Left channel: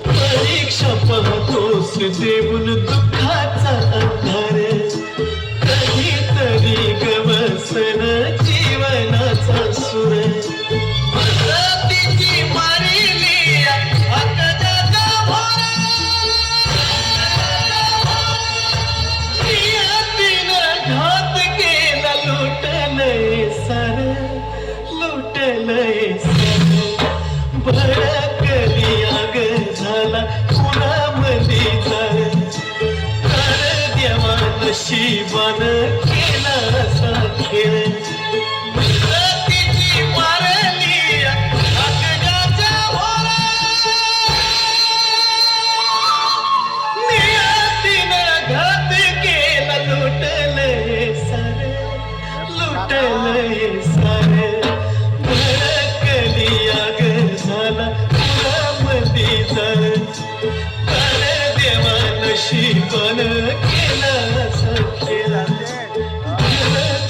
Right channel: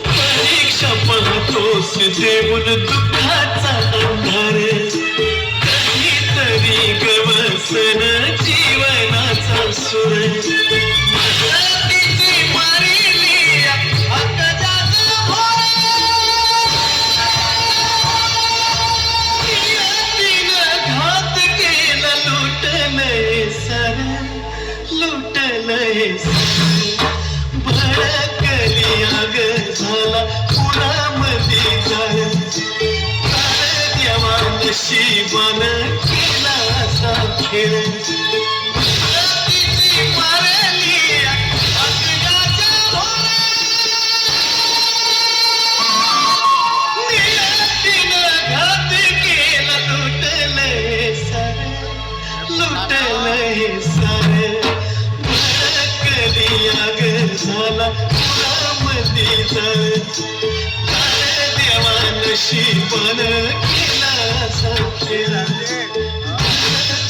परीक्षा पाहतोस देऊन दुःखाचा अंधार कधीतरी गवसन जीवनाचा सुर घात केला लुटलंय सर लुटलंय सर भडकली आग झाला कुणामध्ये जाय देवा नशिबान केला असा खेळ मारली अग्नाच्या भोरा नियतीनं घात केला लुटलंय सर लुटलंय सर भडकली आग झाला कुणामध्ये जाय देवा नशिबान केला असा खेळा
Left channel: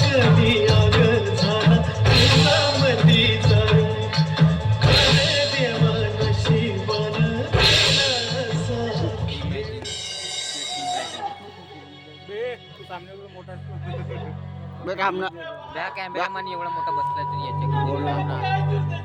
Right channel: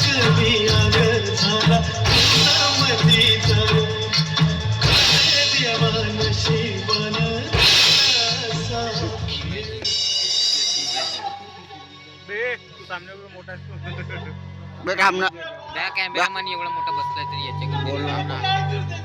कधी आग झाला कुणामध्ये जाय देवा नशिबान केला असा खेळ त्या कॅमेरामॅन एवढा मोठा बसला तरी याच्याकडे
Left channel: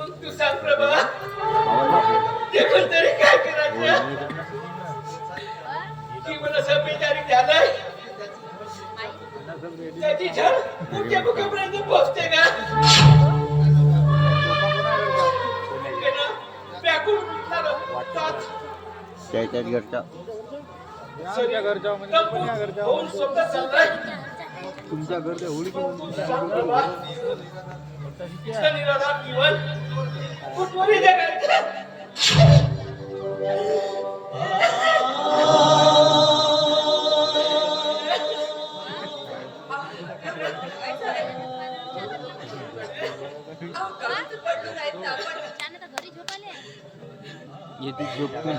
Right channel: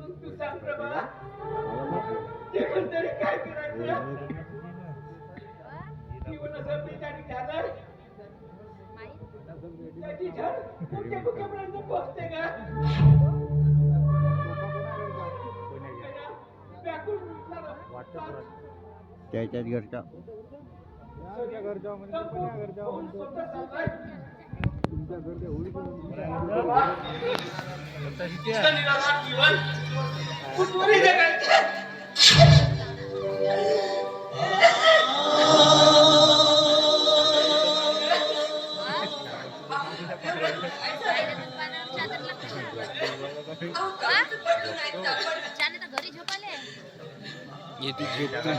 मग तू सांग प्रभा देखून तरी काय करायचं जीवन असं बेजारी झालंय त्याची झड तुमच्या मुखापर्यंत पोहोचते का त्याच्याच घरचा होऊन स्वतः चाललाय तुमच्या घरच्या होळी जीवन कुठवरी जगायचं घरी झोपाले येते झोपतो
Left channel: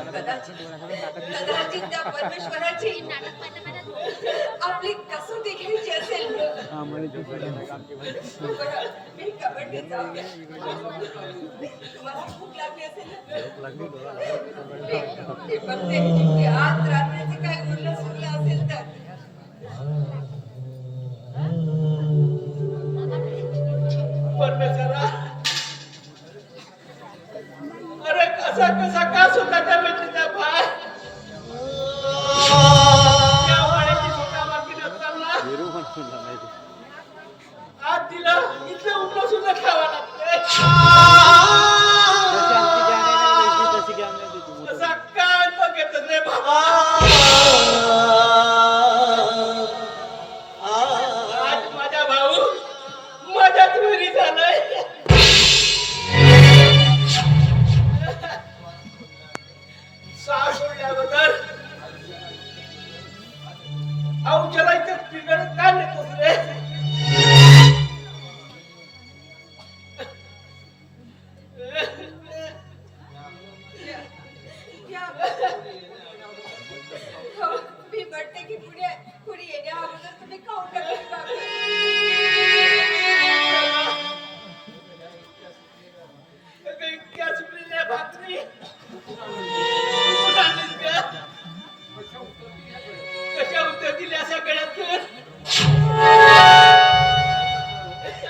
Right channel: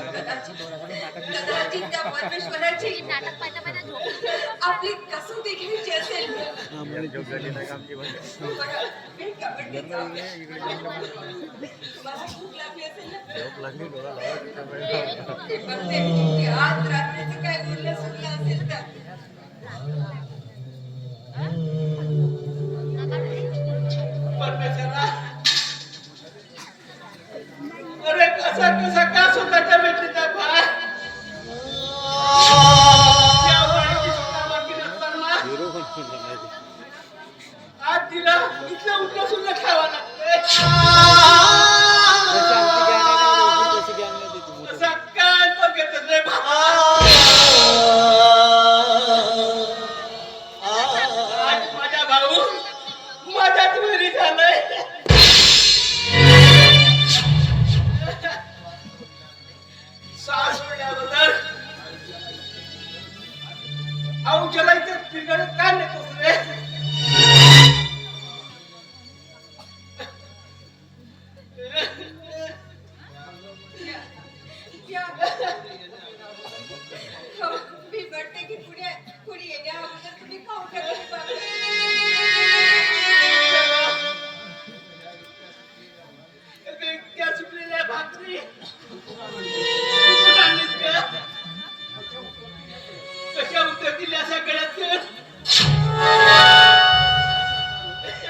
परमेश्वराची नाटक पाहता आपली कसोटी घ्यायची असेल तुम्हाला भूक लागली असेल आज रात्रीचं काय बोलणं सुटलं असेल तर परमेश्वरा अरे कसं कसा का स्वतःच्या भेटलीचा भार त्या वाळ्याची स्वतः मागे नसताना आज तिला इथलं उठलं सुद्धा खावा लागतंय कसा काय बघत रे बाबा आज माझा भाऊ माझ्याच घरी झालाय सास सोडल्याबद्दल औषधा इथं तिकडे काय नेतोस रे मी म्हणते की पुढे येण्या अगोदर तुम्ही खाऊन टाकली भाकरी. इतक्या सुकलेल्या भाकरी कुठून आणलीस गं? कशा उतरतील अशा गळ्यातून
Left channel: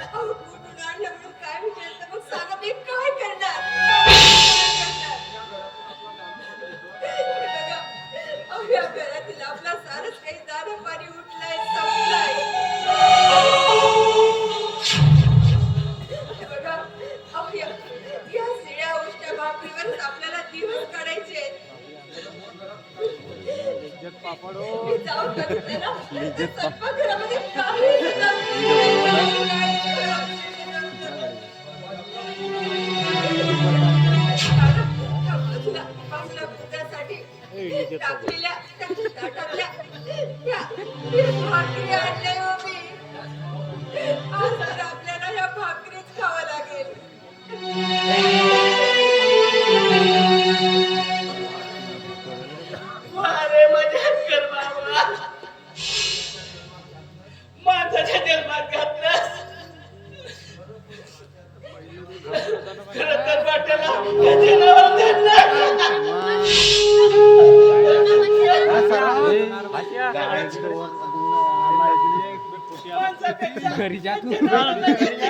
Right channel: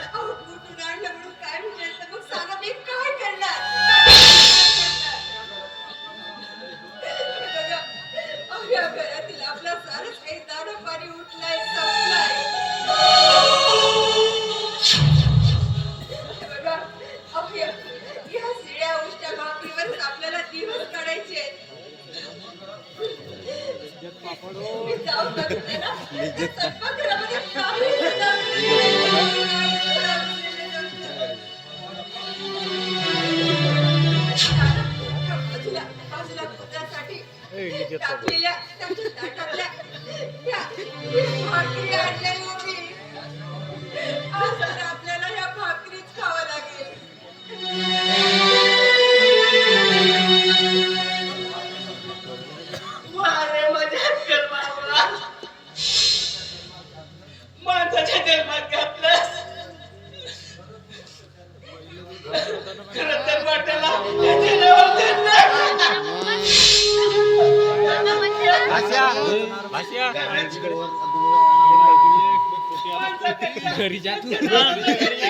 अहो, कुठून आणलं म्हणून काय विचारलं मग सांगा मी काय करणार हे बघा, अहो, या घरातील आपला सारंच काही दाणं पाणी उठलंय संपलंय हे बघा, अहो, या शिळ्या उष्ट्या भाकरीवर आपल्याला दिवस काढायचे आहेत. मी जाऊन बघितलं ना तर स्वयंपाकघरामध्ये काहीच बाजूला पुत्रासाठी टाकलेल्या त्याच्या ताटातल्या त्या भाकरी आणल्या हो मी आज तर आपल्याला या भाकरीच खावं लागेल अरे माझ्या अक्कल बाबा माणसाच्या जन्मात घातल्यास खरं तर वाट्याला घरी जा तू घरी जा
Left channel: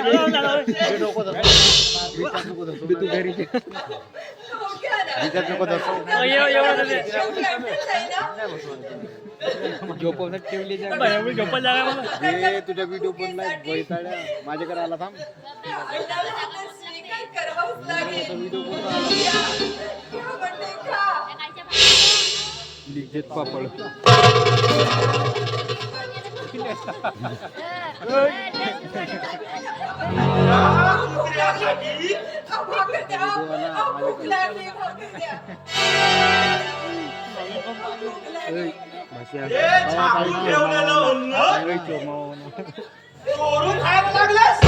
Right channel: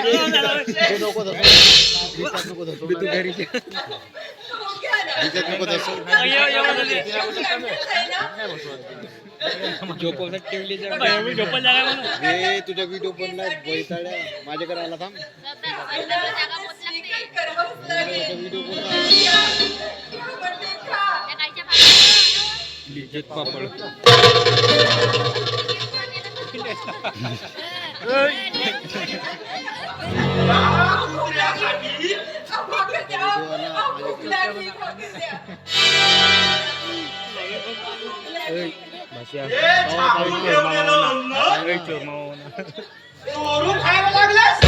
झोपवण्यात ठेवली तुझा व्हिडिओ बनलाय बैताड्या माझ्याकडे आला थांब लिज्जत पापड चोरून खायला लागलास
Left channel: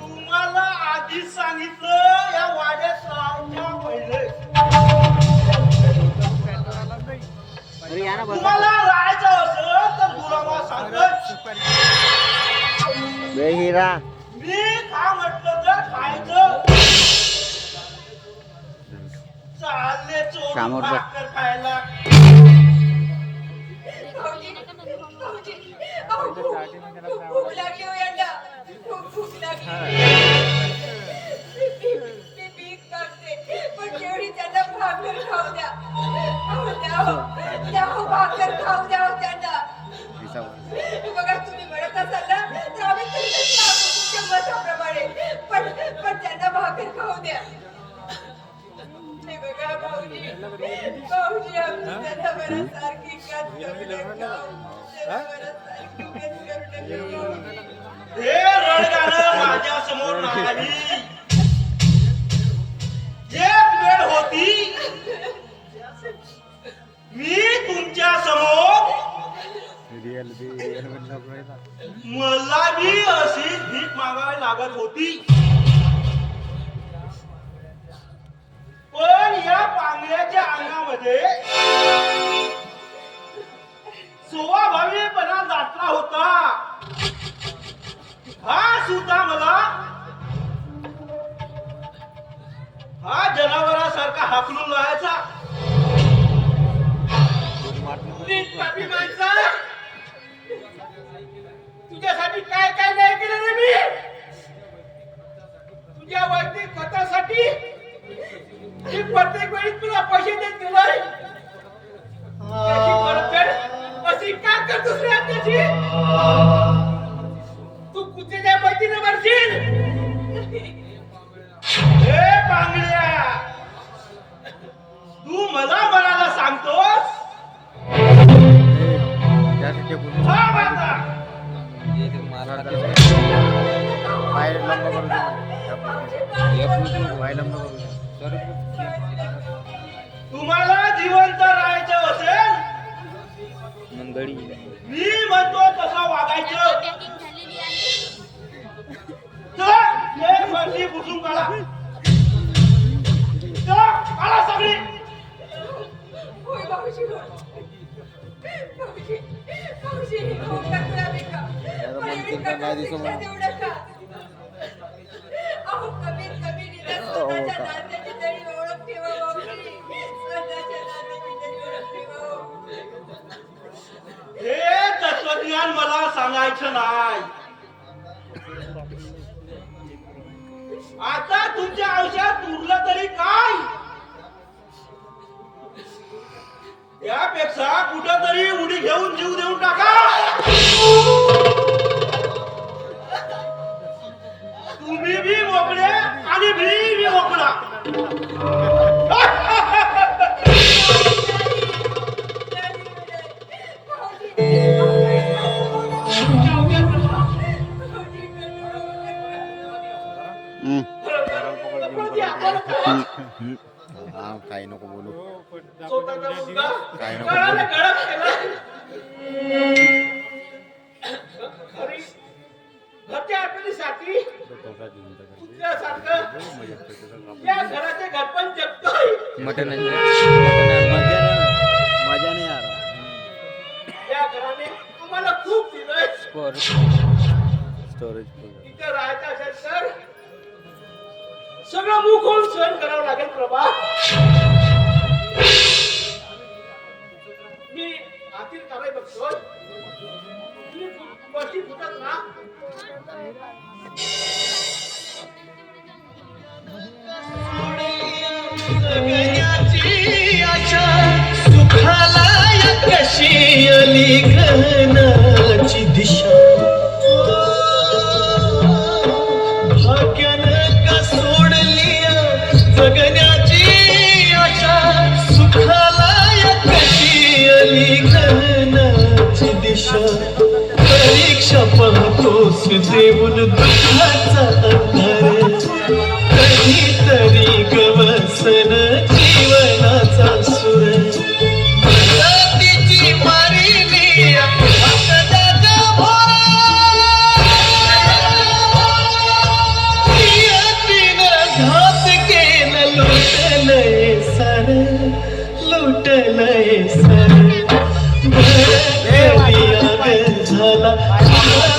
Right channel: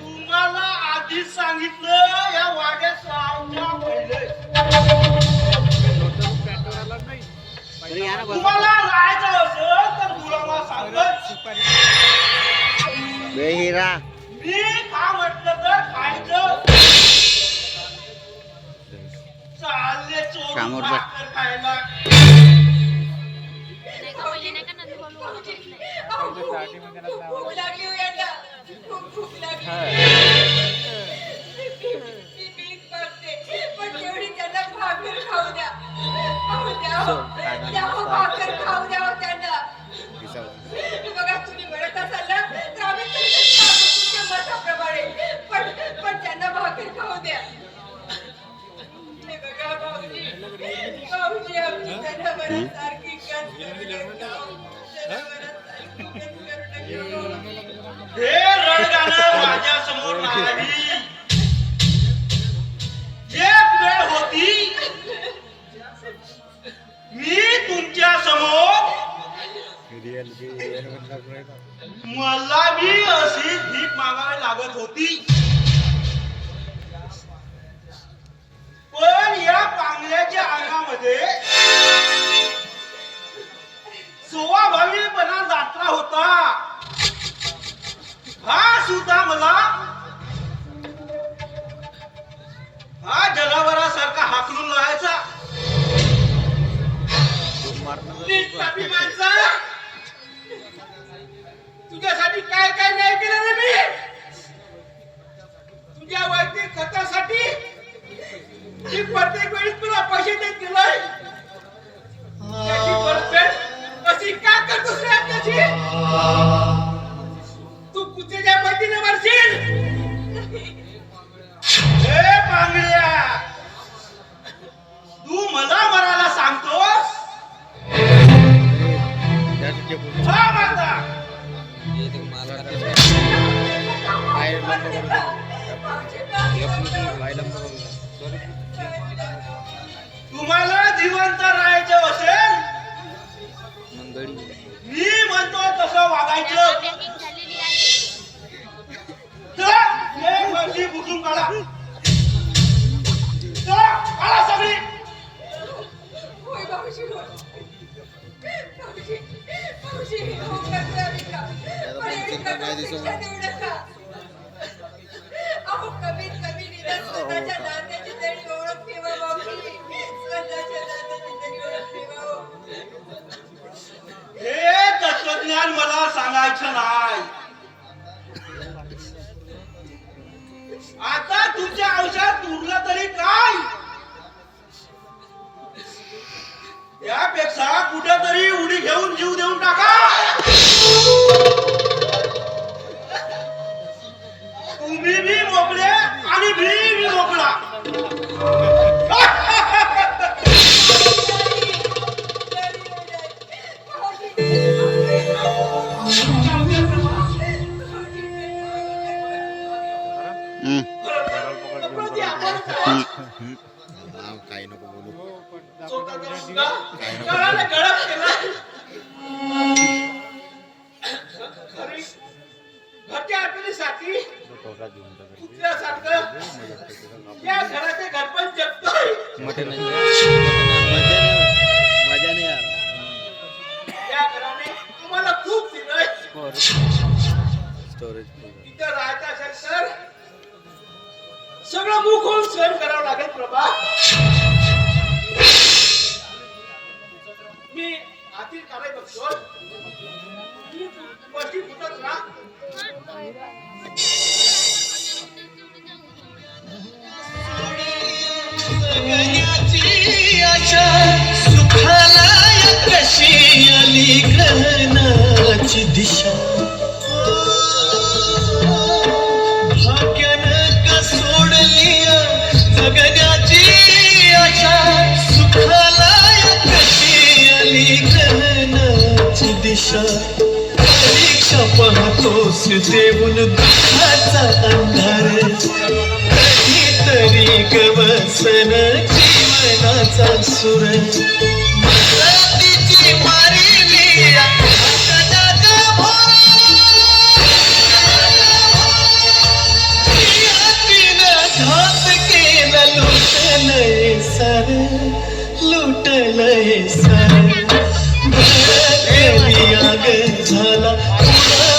तुम्हाला आधीच सांगितलं या वाड्यात सावल्या पहिले तुम्हाला राहायचं असेल तर गुलामा सांगत बेहिरा मी का म्हटलं तर खायचं चालले चोरून समोर बस. भाकर खायला भूक लागली हो यांना खूप भूक लागली मी भीक मागते पण तेवढी त्यांना भाकर खाऊ द्या भाकर खाऊ द्या हो त्यांना बघा तुम्ही म्हणत असाल ना तर आम्ही तरी तुमच्या मताप्रमाणे पण त्यांना भाकर खाऊ द्या हे बघा भाऊजी आमची जनावरांसारखी हे रणगाणं माझ्या समोर नाही एक वेळ होती मी तुमच्या समोर मला बी अशीच भीक मागायला लागत होती पण या पांगळ्याच्या अंगामध्ये स्वाभाविकपणा दाटला होता हा सुद्धा मला हा जनावरासारखा हाकलून राहायचा माणसा तुझ्यासाठी काय काय नाही केलं रे मी तुझ्या स्वतःसाठी मी प्रत्येक वेळी तुला पैसे देत गेलोय त्याची परतफेड अशी का करतोस रे त्याची तू कुठच्या पैतीने मरशील हे बांगड्या तू मला मरायला सांगतोस त्यासाठी बोलतो. हा माता हे ते मारतात. पाय लंब करू दे मला. पाय लंब करू दे. तुम्हाला जिवंत राहायचं असेल मंगळी मी म्हणतो तसं वागायचं तर हे गर्दी पुसून काढा काढा सगळी होय भाऊजी होय भाऊजी भाऊजी हो करतोय आम्ही का पण एवढी कठोर शिक्षा देऊ नका अहो कमीत कमी निदान स्वतःच्या नात्याची तरी ओळख ठेवा भाऊजी स्वतःच्या नात्याची तरी ओळख ठेवा हो. हे तत्वज्ञान मला सांगायचं नाही आता तुमच्या आयुष्यात उरलं तरी काय यापेक्षा कुठेतरी उडी घेऊन जीव देऊन टाका तुम्ही बी मोकळे आणि मी मोकळा हा काही नको बोलू. स्वतःचा मुलगा कळालं गळत केलं घरी घरच्या आठवणीसाठी कुत्र्यासारखं या घराचे घरपण जगतोय मटण मजा नाही यार. या घराने तुम्हाला खूप दिलंय स्टोरेज तिथे राहायचं असेल तर सगळं मुख होऊन सहन करावं लागेल प्रभा मी आतील कराय बघतो पस्ती फुटत ना जगण्याची आशा सुखाला या कशी आली ग्रहणाची दिशा भाग्यानं का सोडली जगण्याची आशा सुखाला या कशी आली ग्रहणाची दिशा परीक्षा पाहतोस देऊन दुःखाचा अंधार कधीतरी गवसन जीवनाचा सुर तिची मारिली घात केलं लुटलंय सर लुटलंय सर झाला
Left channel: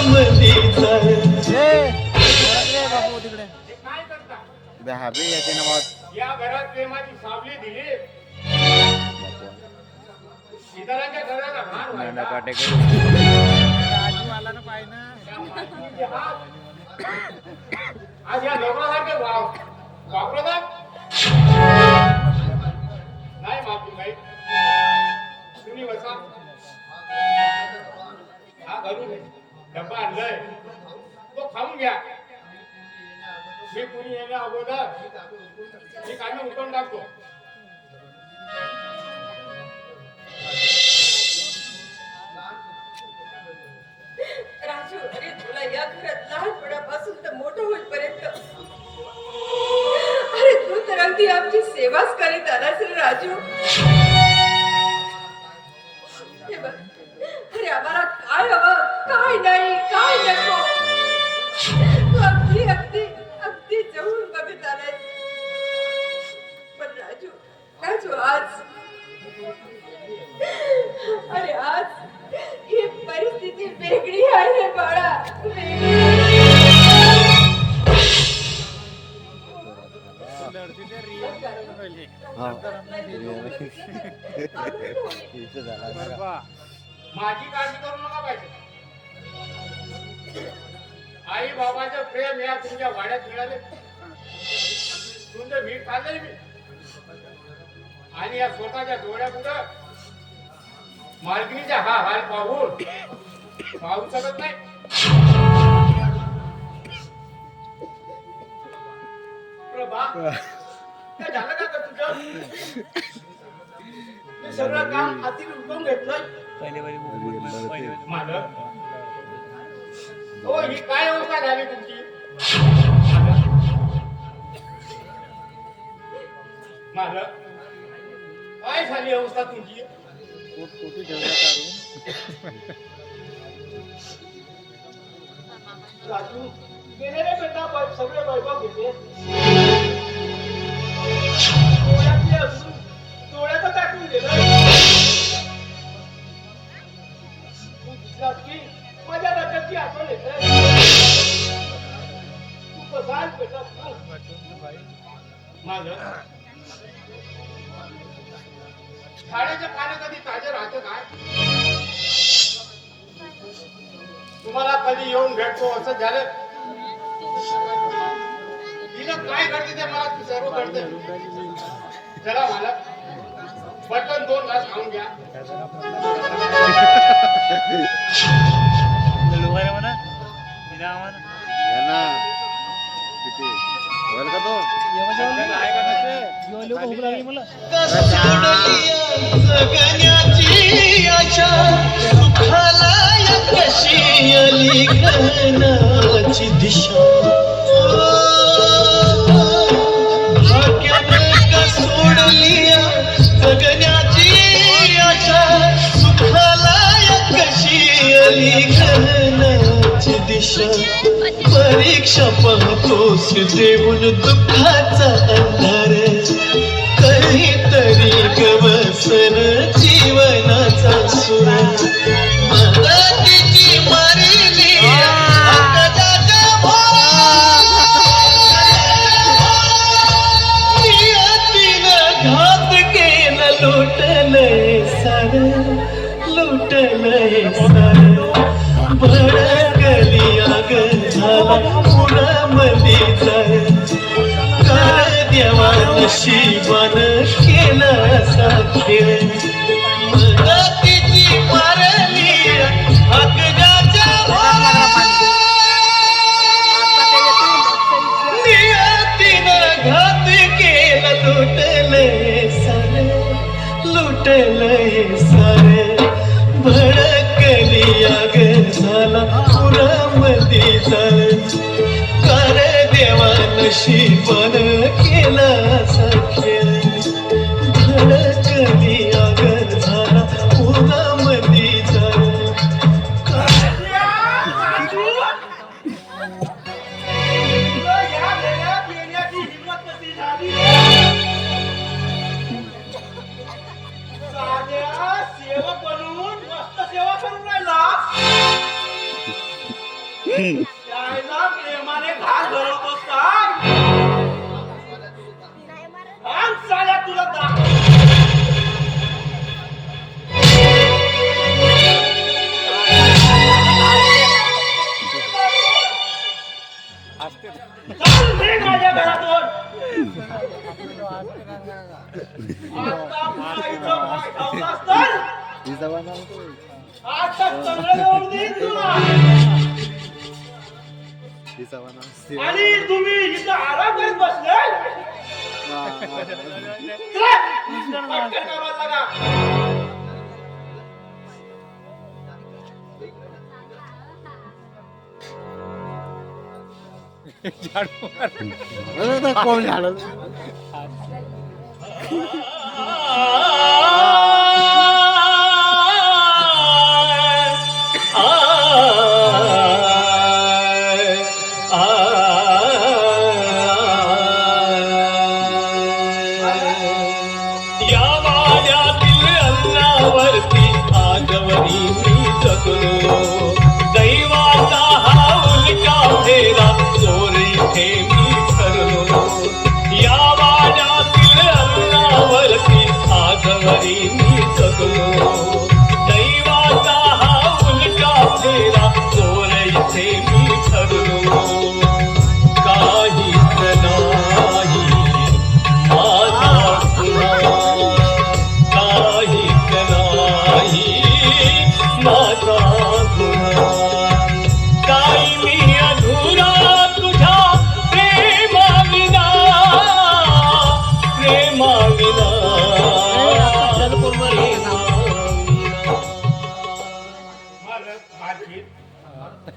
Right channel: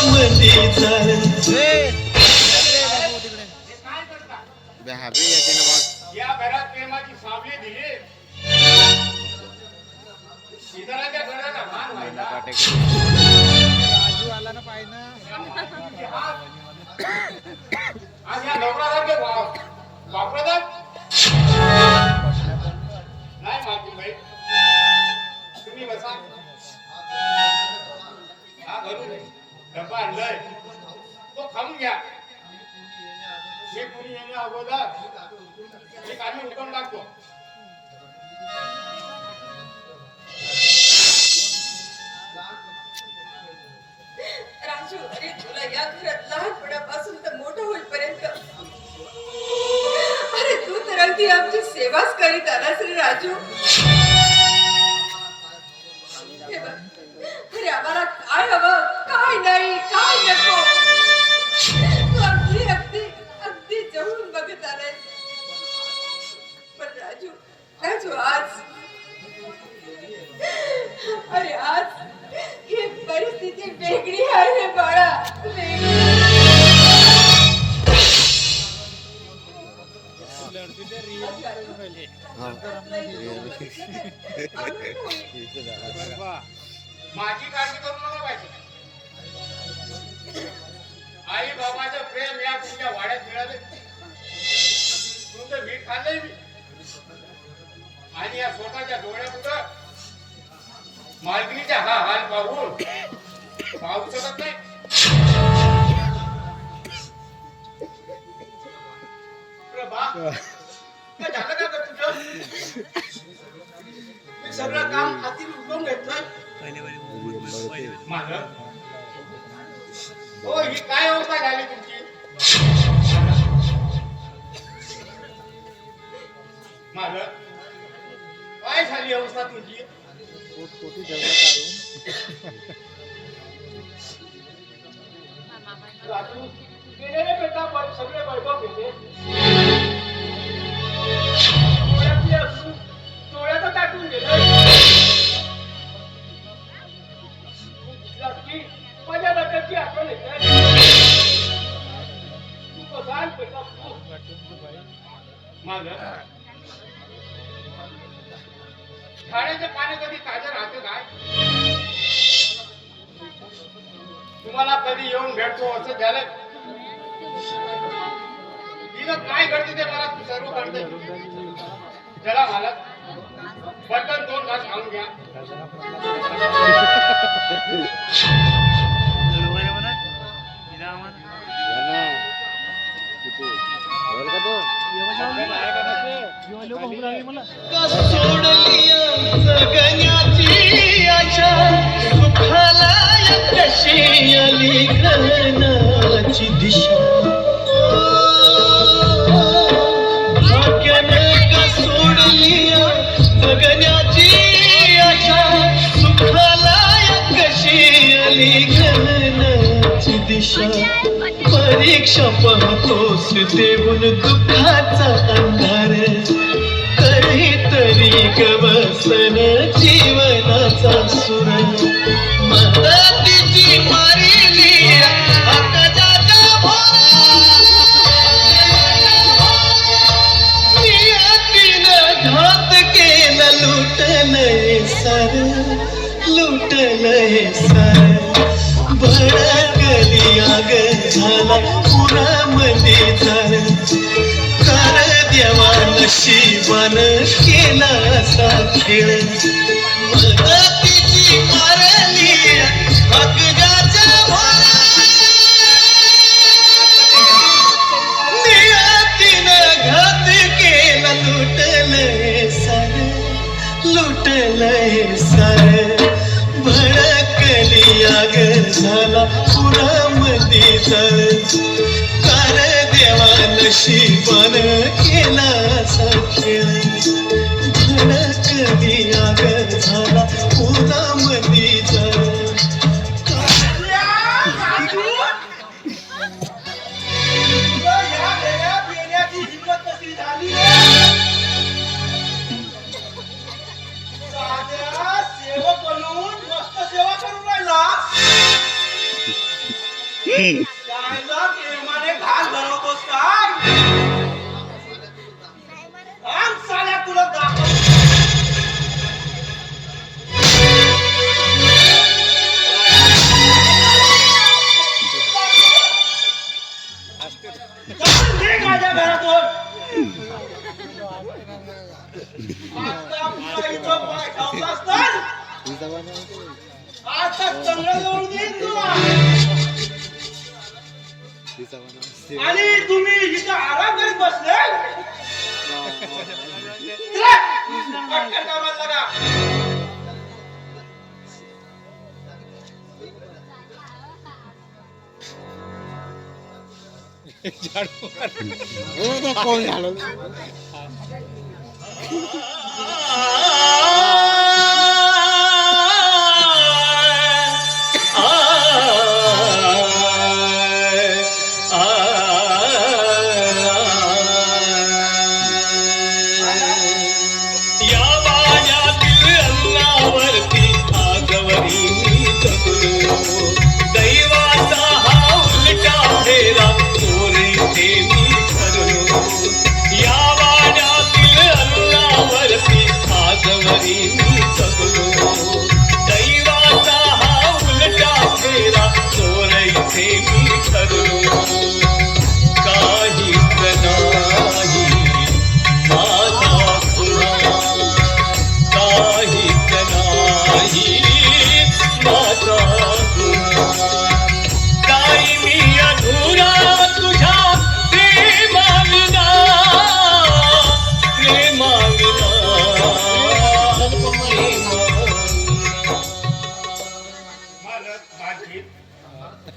मधी झालं हाबी येते ना बात. या घरात प्रेमाची सावली दिली सीताराच्या घराला भान व्हायला आज या नवरासारखे वापरतात नाही मागून भाई तुम्ही बसा हा घरून डब्बा आणलाय तो खाऊन घ्या मी कुणी येण्या अगोदर मी कामी उठवून टाकतो राजू अरे तुला या घरात लहानपणापासून तर मोठं होईपर्यंत अरे तू तर अगदी आमची सेवाच करीत आलास रे राजू हे बघ अरे आम्हाला काय हवं काय नाही काय नको तू अगदी अगदी अगदी जवळून बघत आलाय पण राजू राजू आज अरे आज ही परिस्थिती वेगळी आहे रे बाळा वेगळी माझी काळजी करू नका पाहिजे आई बाबाचं प्रेम या तुमच्या वाड्यात मिळाले खाल्लंय मी. आणि या स्वतःच्या डोळ्यापुढं मालकिनीचा हा हाल पाहू शकत नाही. प्रभा, काय झालं का गं तुझं? मी सगळं काम हाती उचलून घेतलंय. मालक, हो ही काय अवस्था झाली तुमची? मालक, काय झाली अवस्था तुमची? राजू, गेलेले बेटा सगळे वैभव घेते. डोळ्यातले असून डोळ्याचं टाकून गेलं. तू दिसलास की माझ्या रक्ताची आठवण येते. तू कसा बेटा? माझं खाण्याचे पाणी कधी ताजे राहते काय? तुम्हाला कधी येऊन भेटतो असं झालं? तिनं काय करते ते मला सर्व करते. चला मला बटन 2 तास खाऊन घ्या. सोडलिया जगण्याची आशा सुखाला कशी आली घनाची दिशा. भाग्यानं का सोडलिया जगण्याची आशा सुखाला कशी आली घनाची दिशा. परीक्षा पाहतोस देऊन दुःखाचा अंधार कधीतरी गवसन जीवनाचा सुर. मदतीची मारिली अकजाच्या भोरा. नियतीनं घात केला लुटलंय सार भडकली आग झाला पुरामध्ये जर. कर देवा नशिबान केला असा खेळ. मदतीची मारली अकजाच्या भोरा. नियतीनं घात केला लुटलंय सार भडकली आग झाला पुरामध्ये जर. कर देवा नशिबान केला असा खेळ. भडकली आग झाला पुरामध्ये जर. त्याला प्रेमाने घास भरवतोस काय? आण साल्या तुला दाखव. चल निघ माझ्या घरातून. आता माईचं पाय खावलास तर आता चांगलं जाऊन देईन तुला. आणि तुम्ही इथं आराम करीत बसले. पटकन कामाला लागा. कोण झालं? या वाड्यातील अन्नावरती आजवरी मी जगलो. दैवाचा हा उलटा फेरा चोरी हे मी ठरलो. या वाड्यातील अन्नावरती आजवरी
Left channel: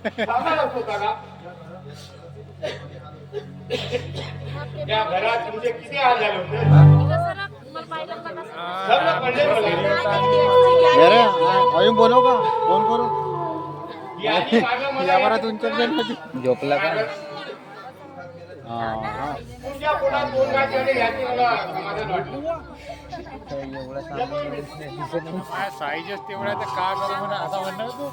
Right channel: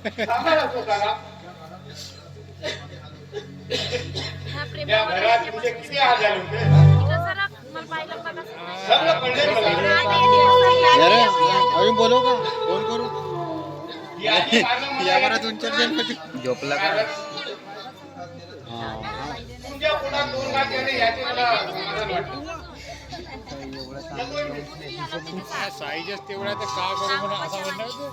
सांभाळा स्वतःला. या घरात तुमचे किती हाल झाले होते सगळं कळले मला. जरा अजून बोलव का फोन करू याची मागं मला या बरा दोन चार जण होती झोपला का तुमच्या पोटात 2 घास गेले याची मला समाधान वाटलं. साईजच तेवढा तर काय करू म्हणा असा म्हणणार तू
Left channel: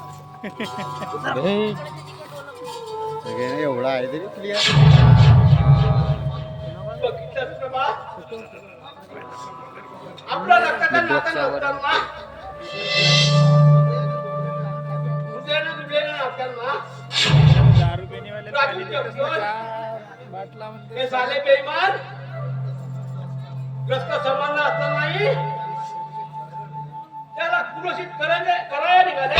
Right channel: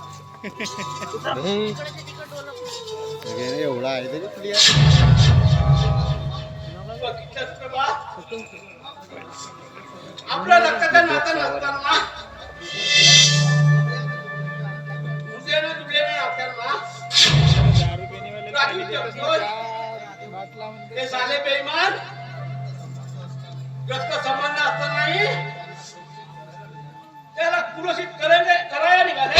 एवढा आहे तरी क्लिअर बघितलंस का बा? आपल्या रक्ताचं नातं नसताना दुसऱ्याने असताना राखून ठेवतोय. हे साले बेईमान रक्त संबंध असतानाही त्याला कुलसित करायला निघाले.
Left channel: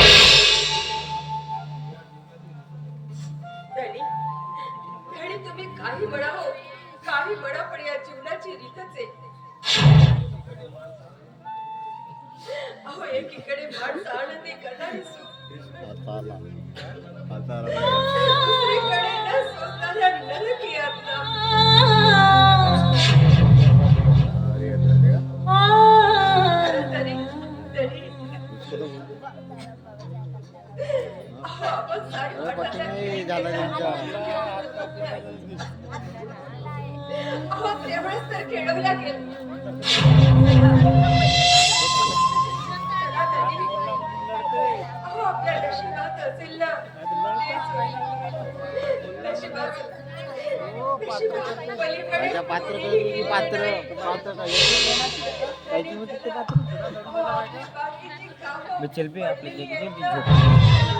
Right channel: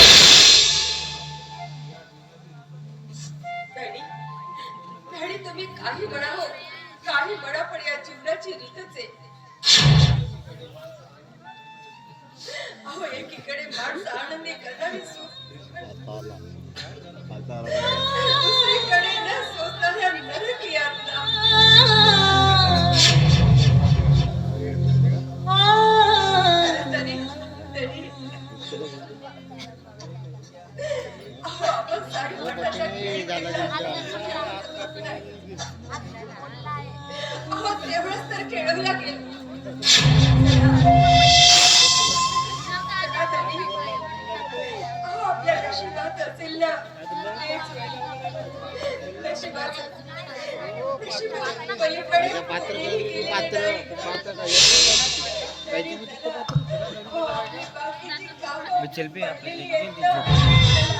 डॅडी तुम्ही काही म्हणा हो काही म्हणा पण या जीवनाची रीतच आहे. अहो एकीकडे माणसं आनंदी करणारी दुसरीकडे न सोचणाऱ्या नरक यातना. अहो तेवढंच तर खेळवल्या गेल. अहो आपल्या नशिबात असेल ना तेच होईल. नशिबाच्या पलीकडे पात्र कोणीही गेलेलं पात्र नाही. पात्र अहो, आपली बाकीची कामं मी चल पे आपली पडलेली देखील आहेत ना.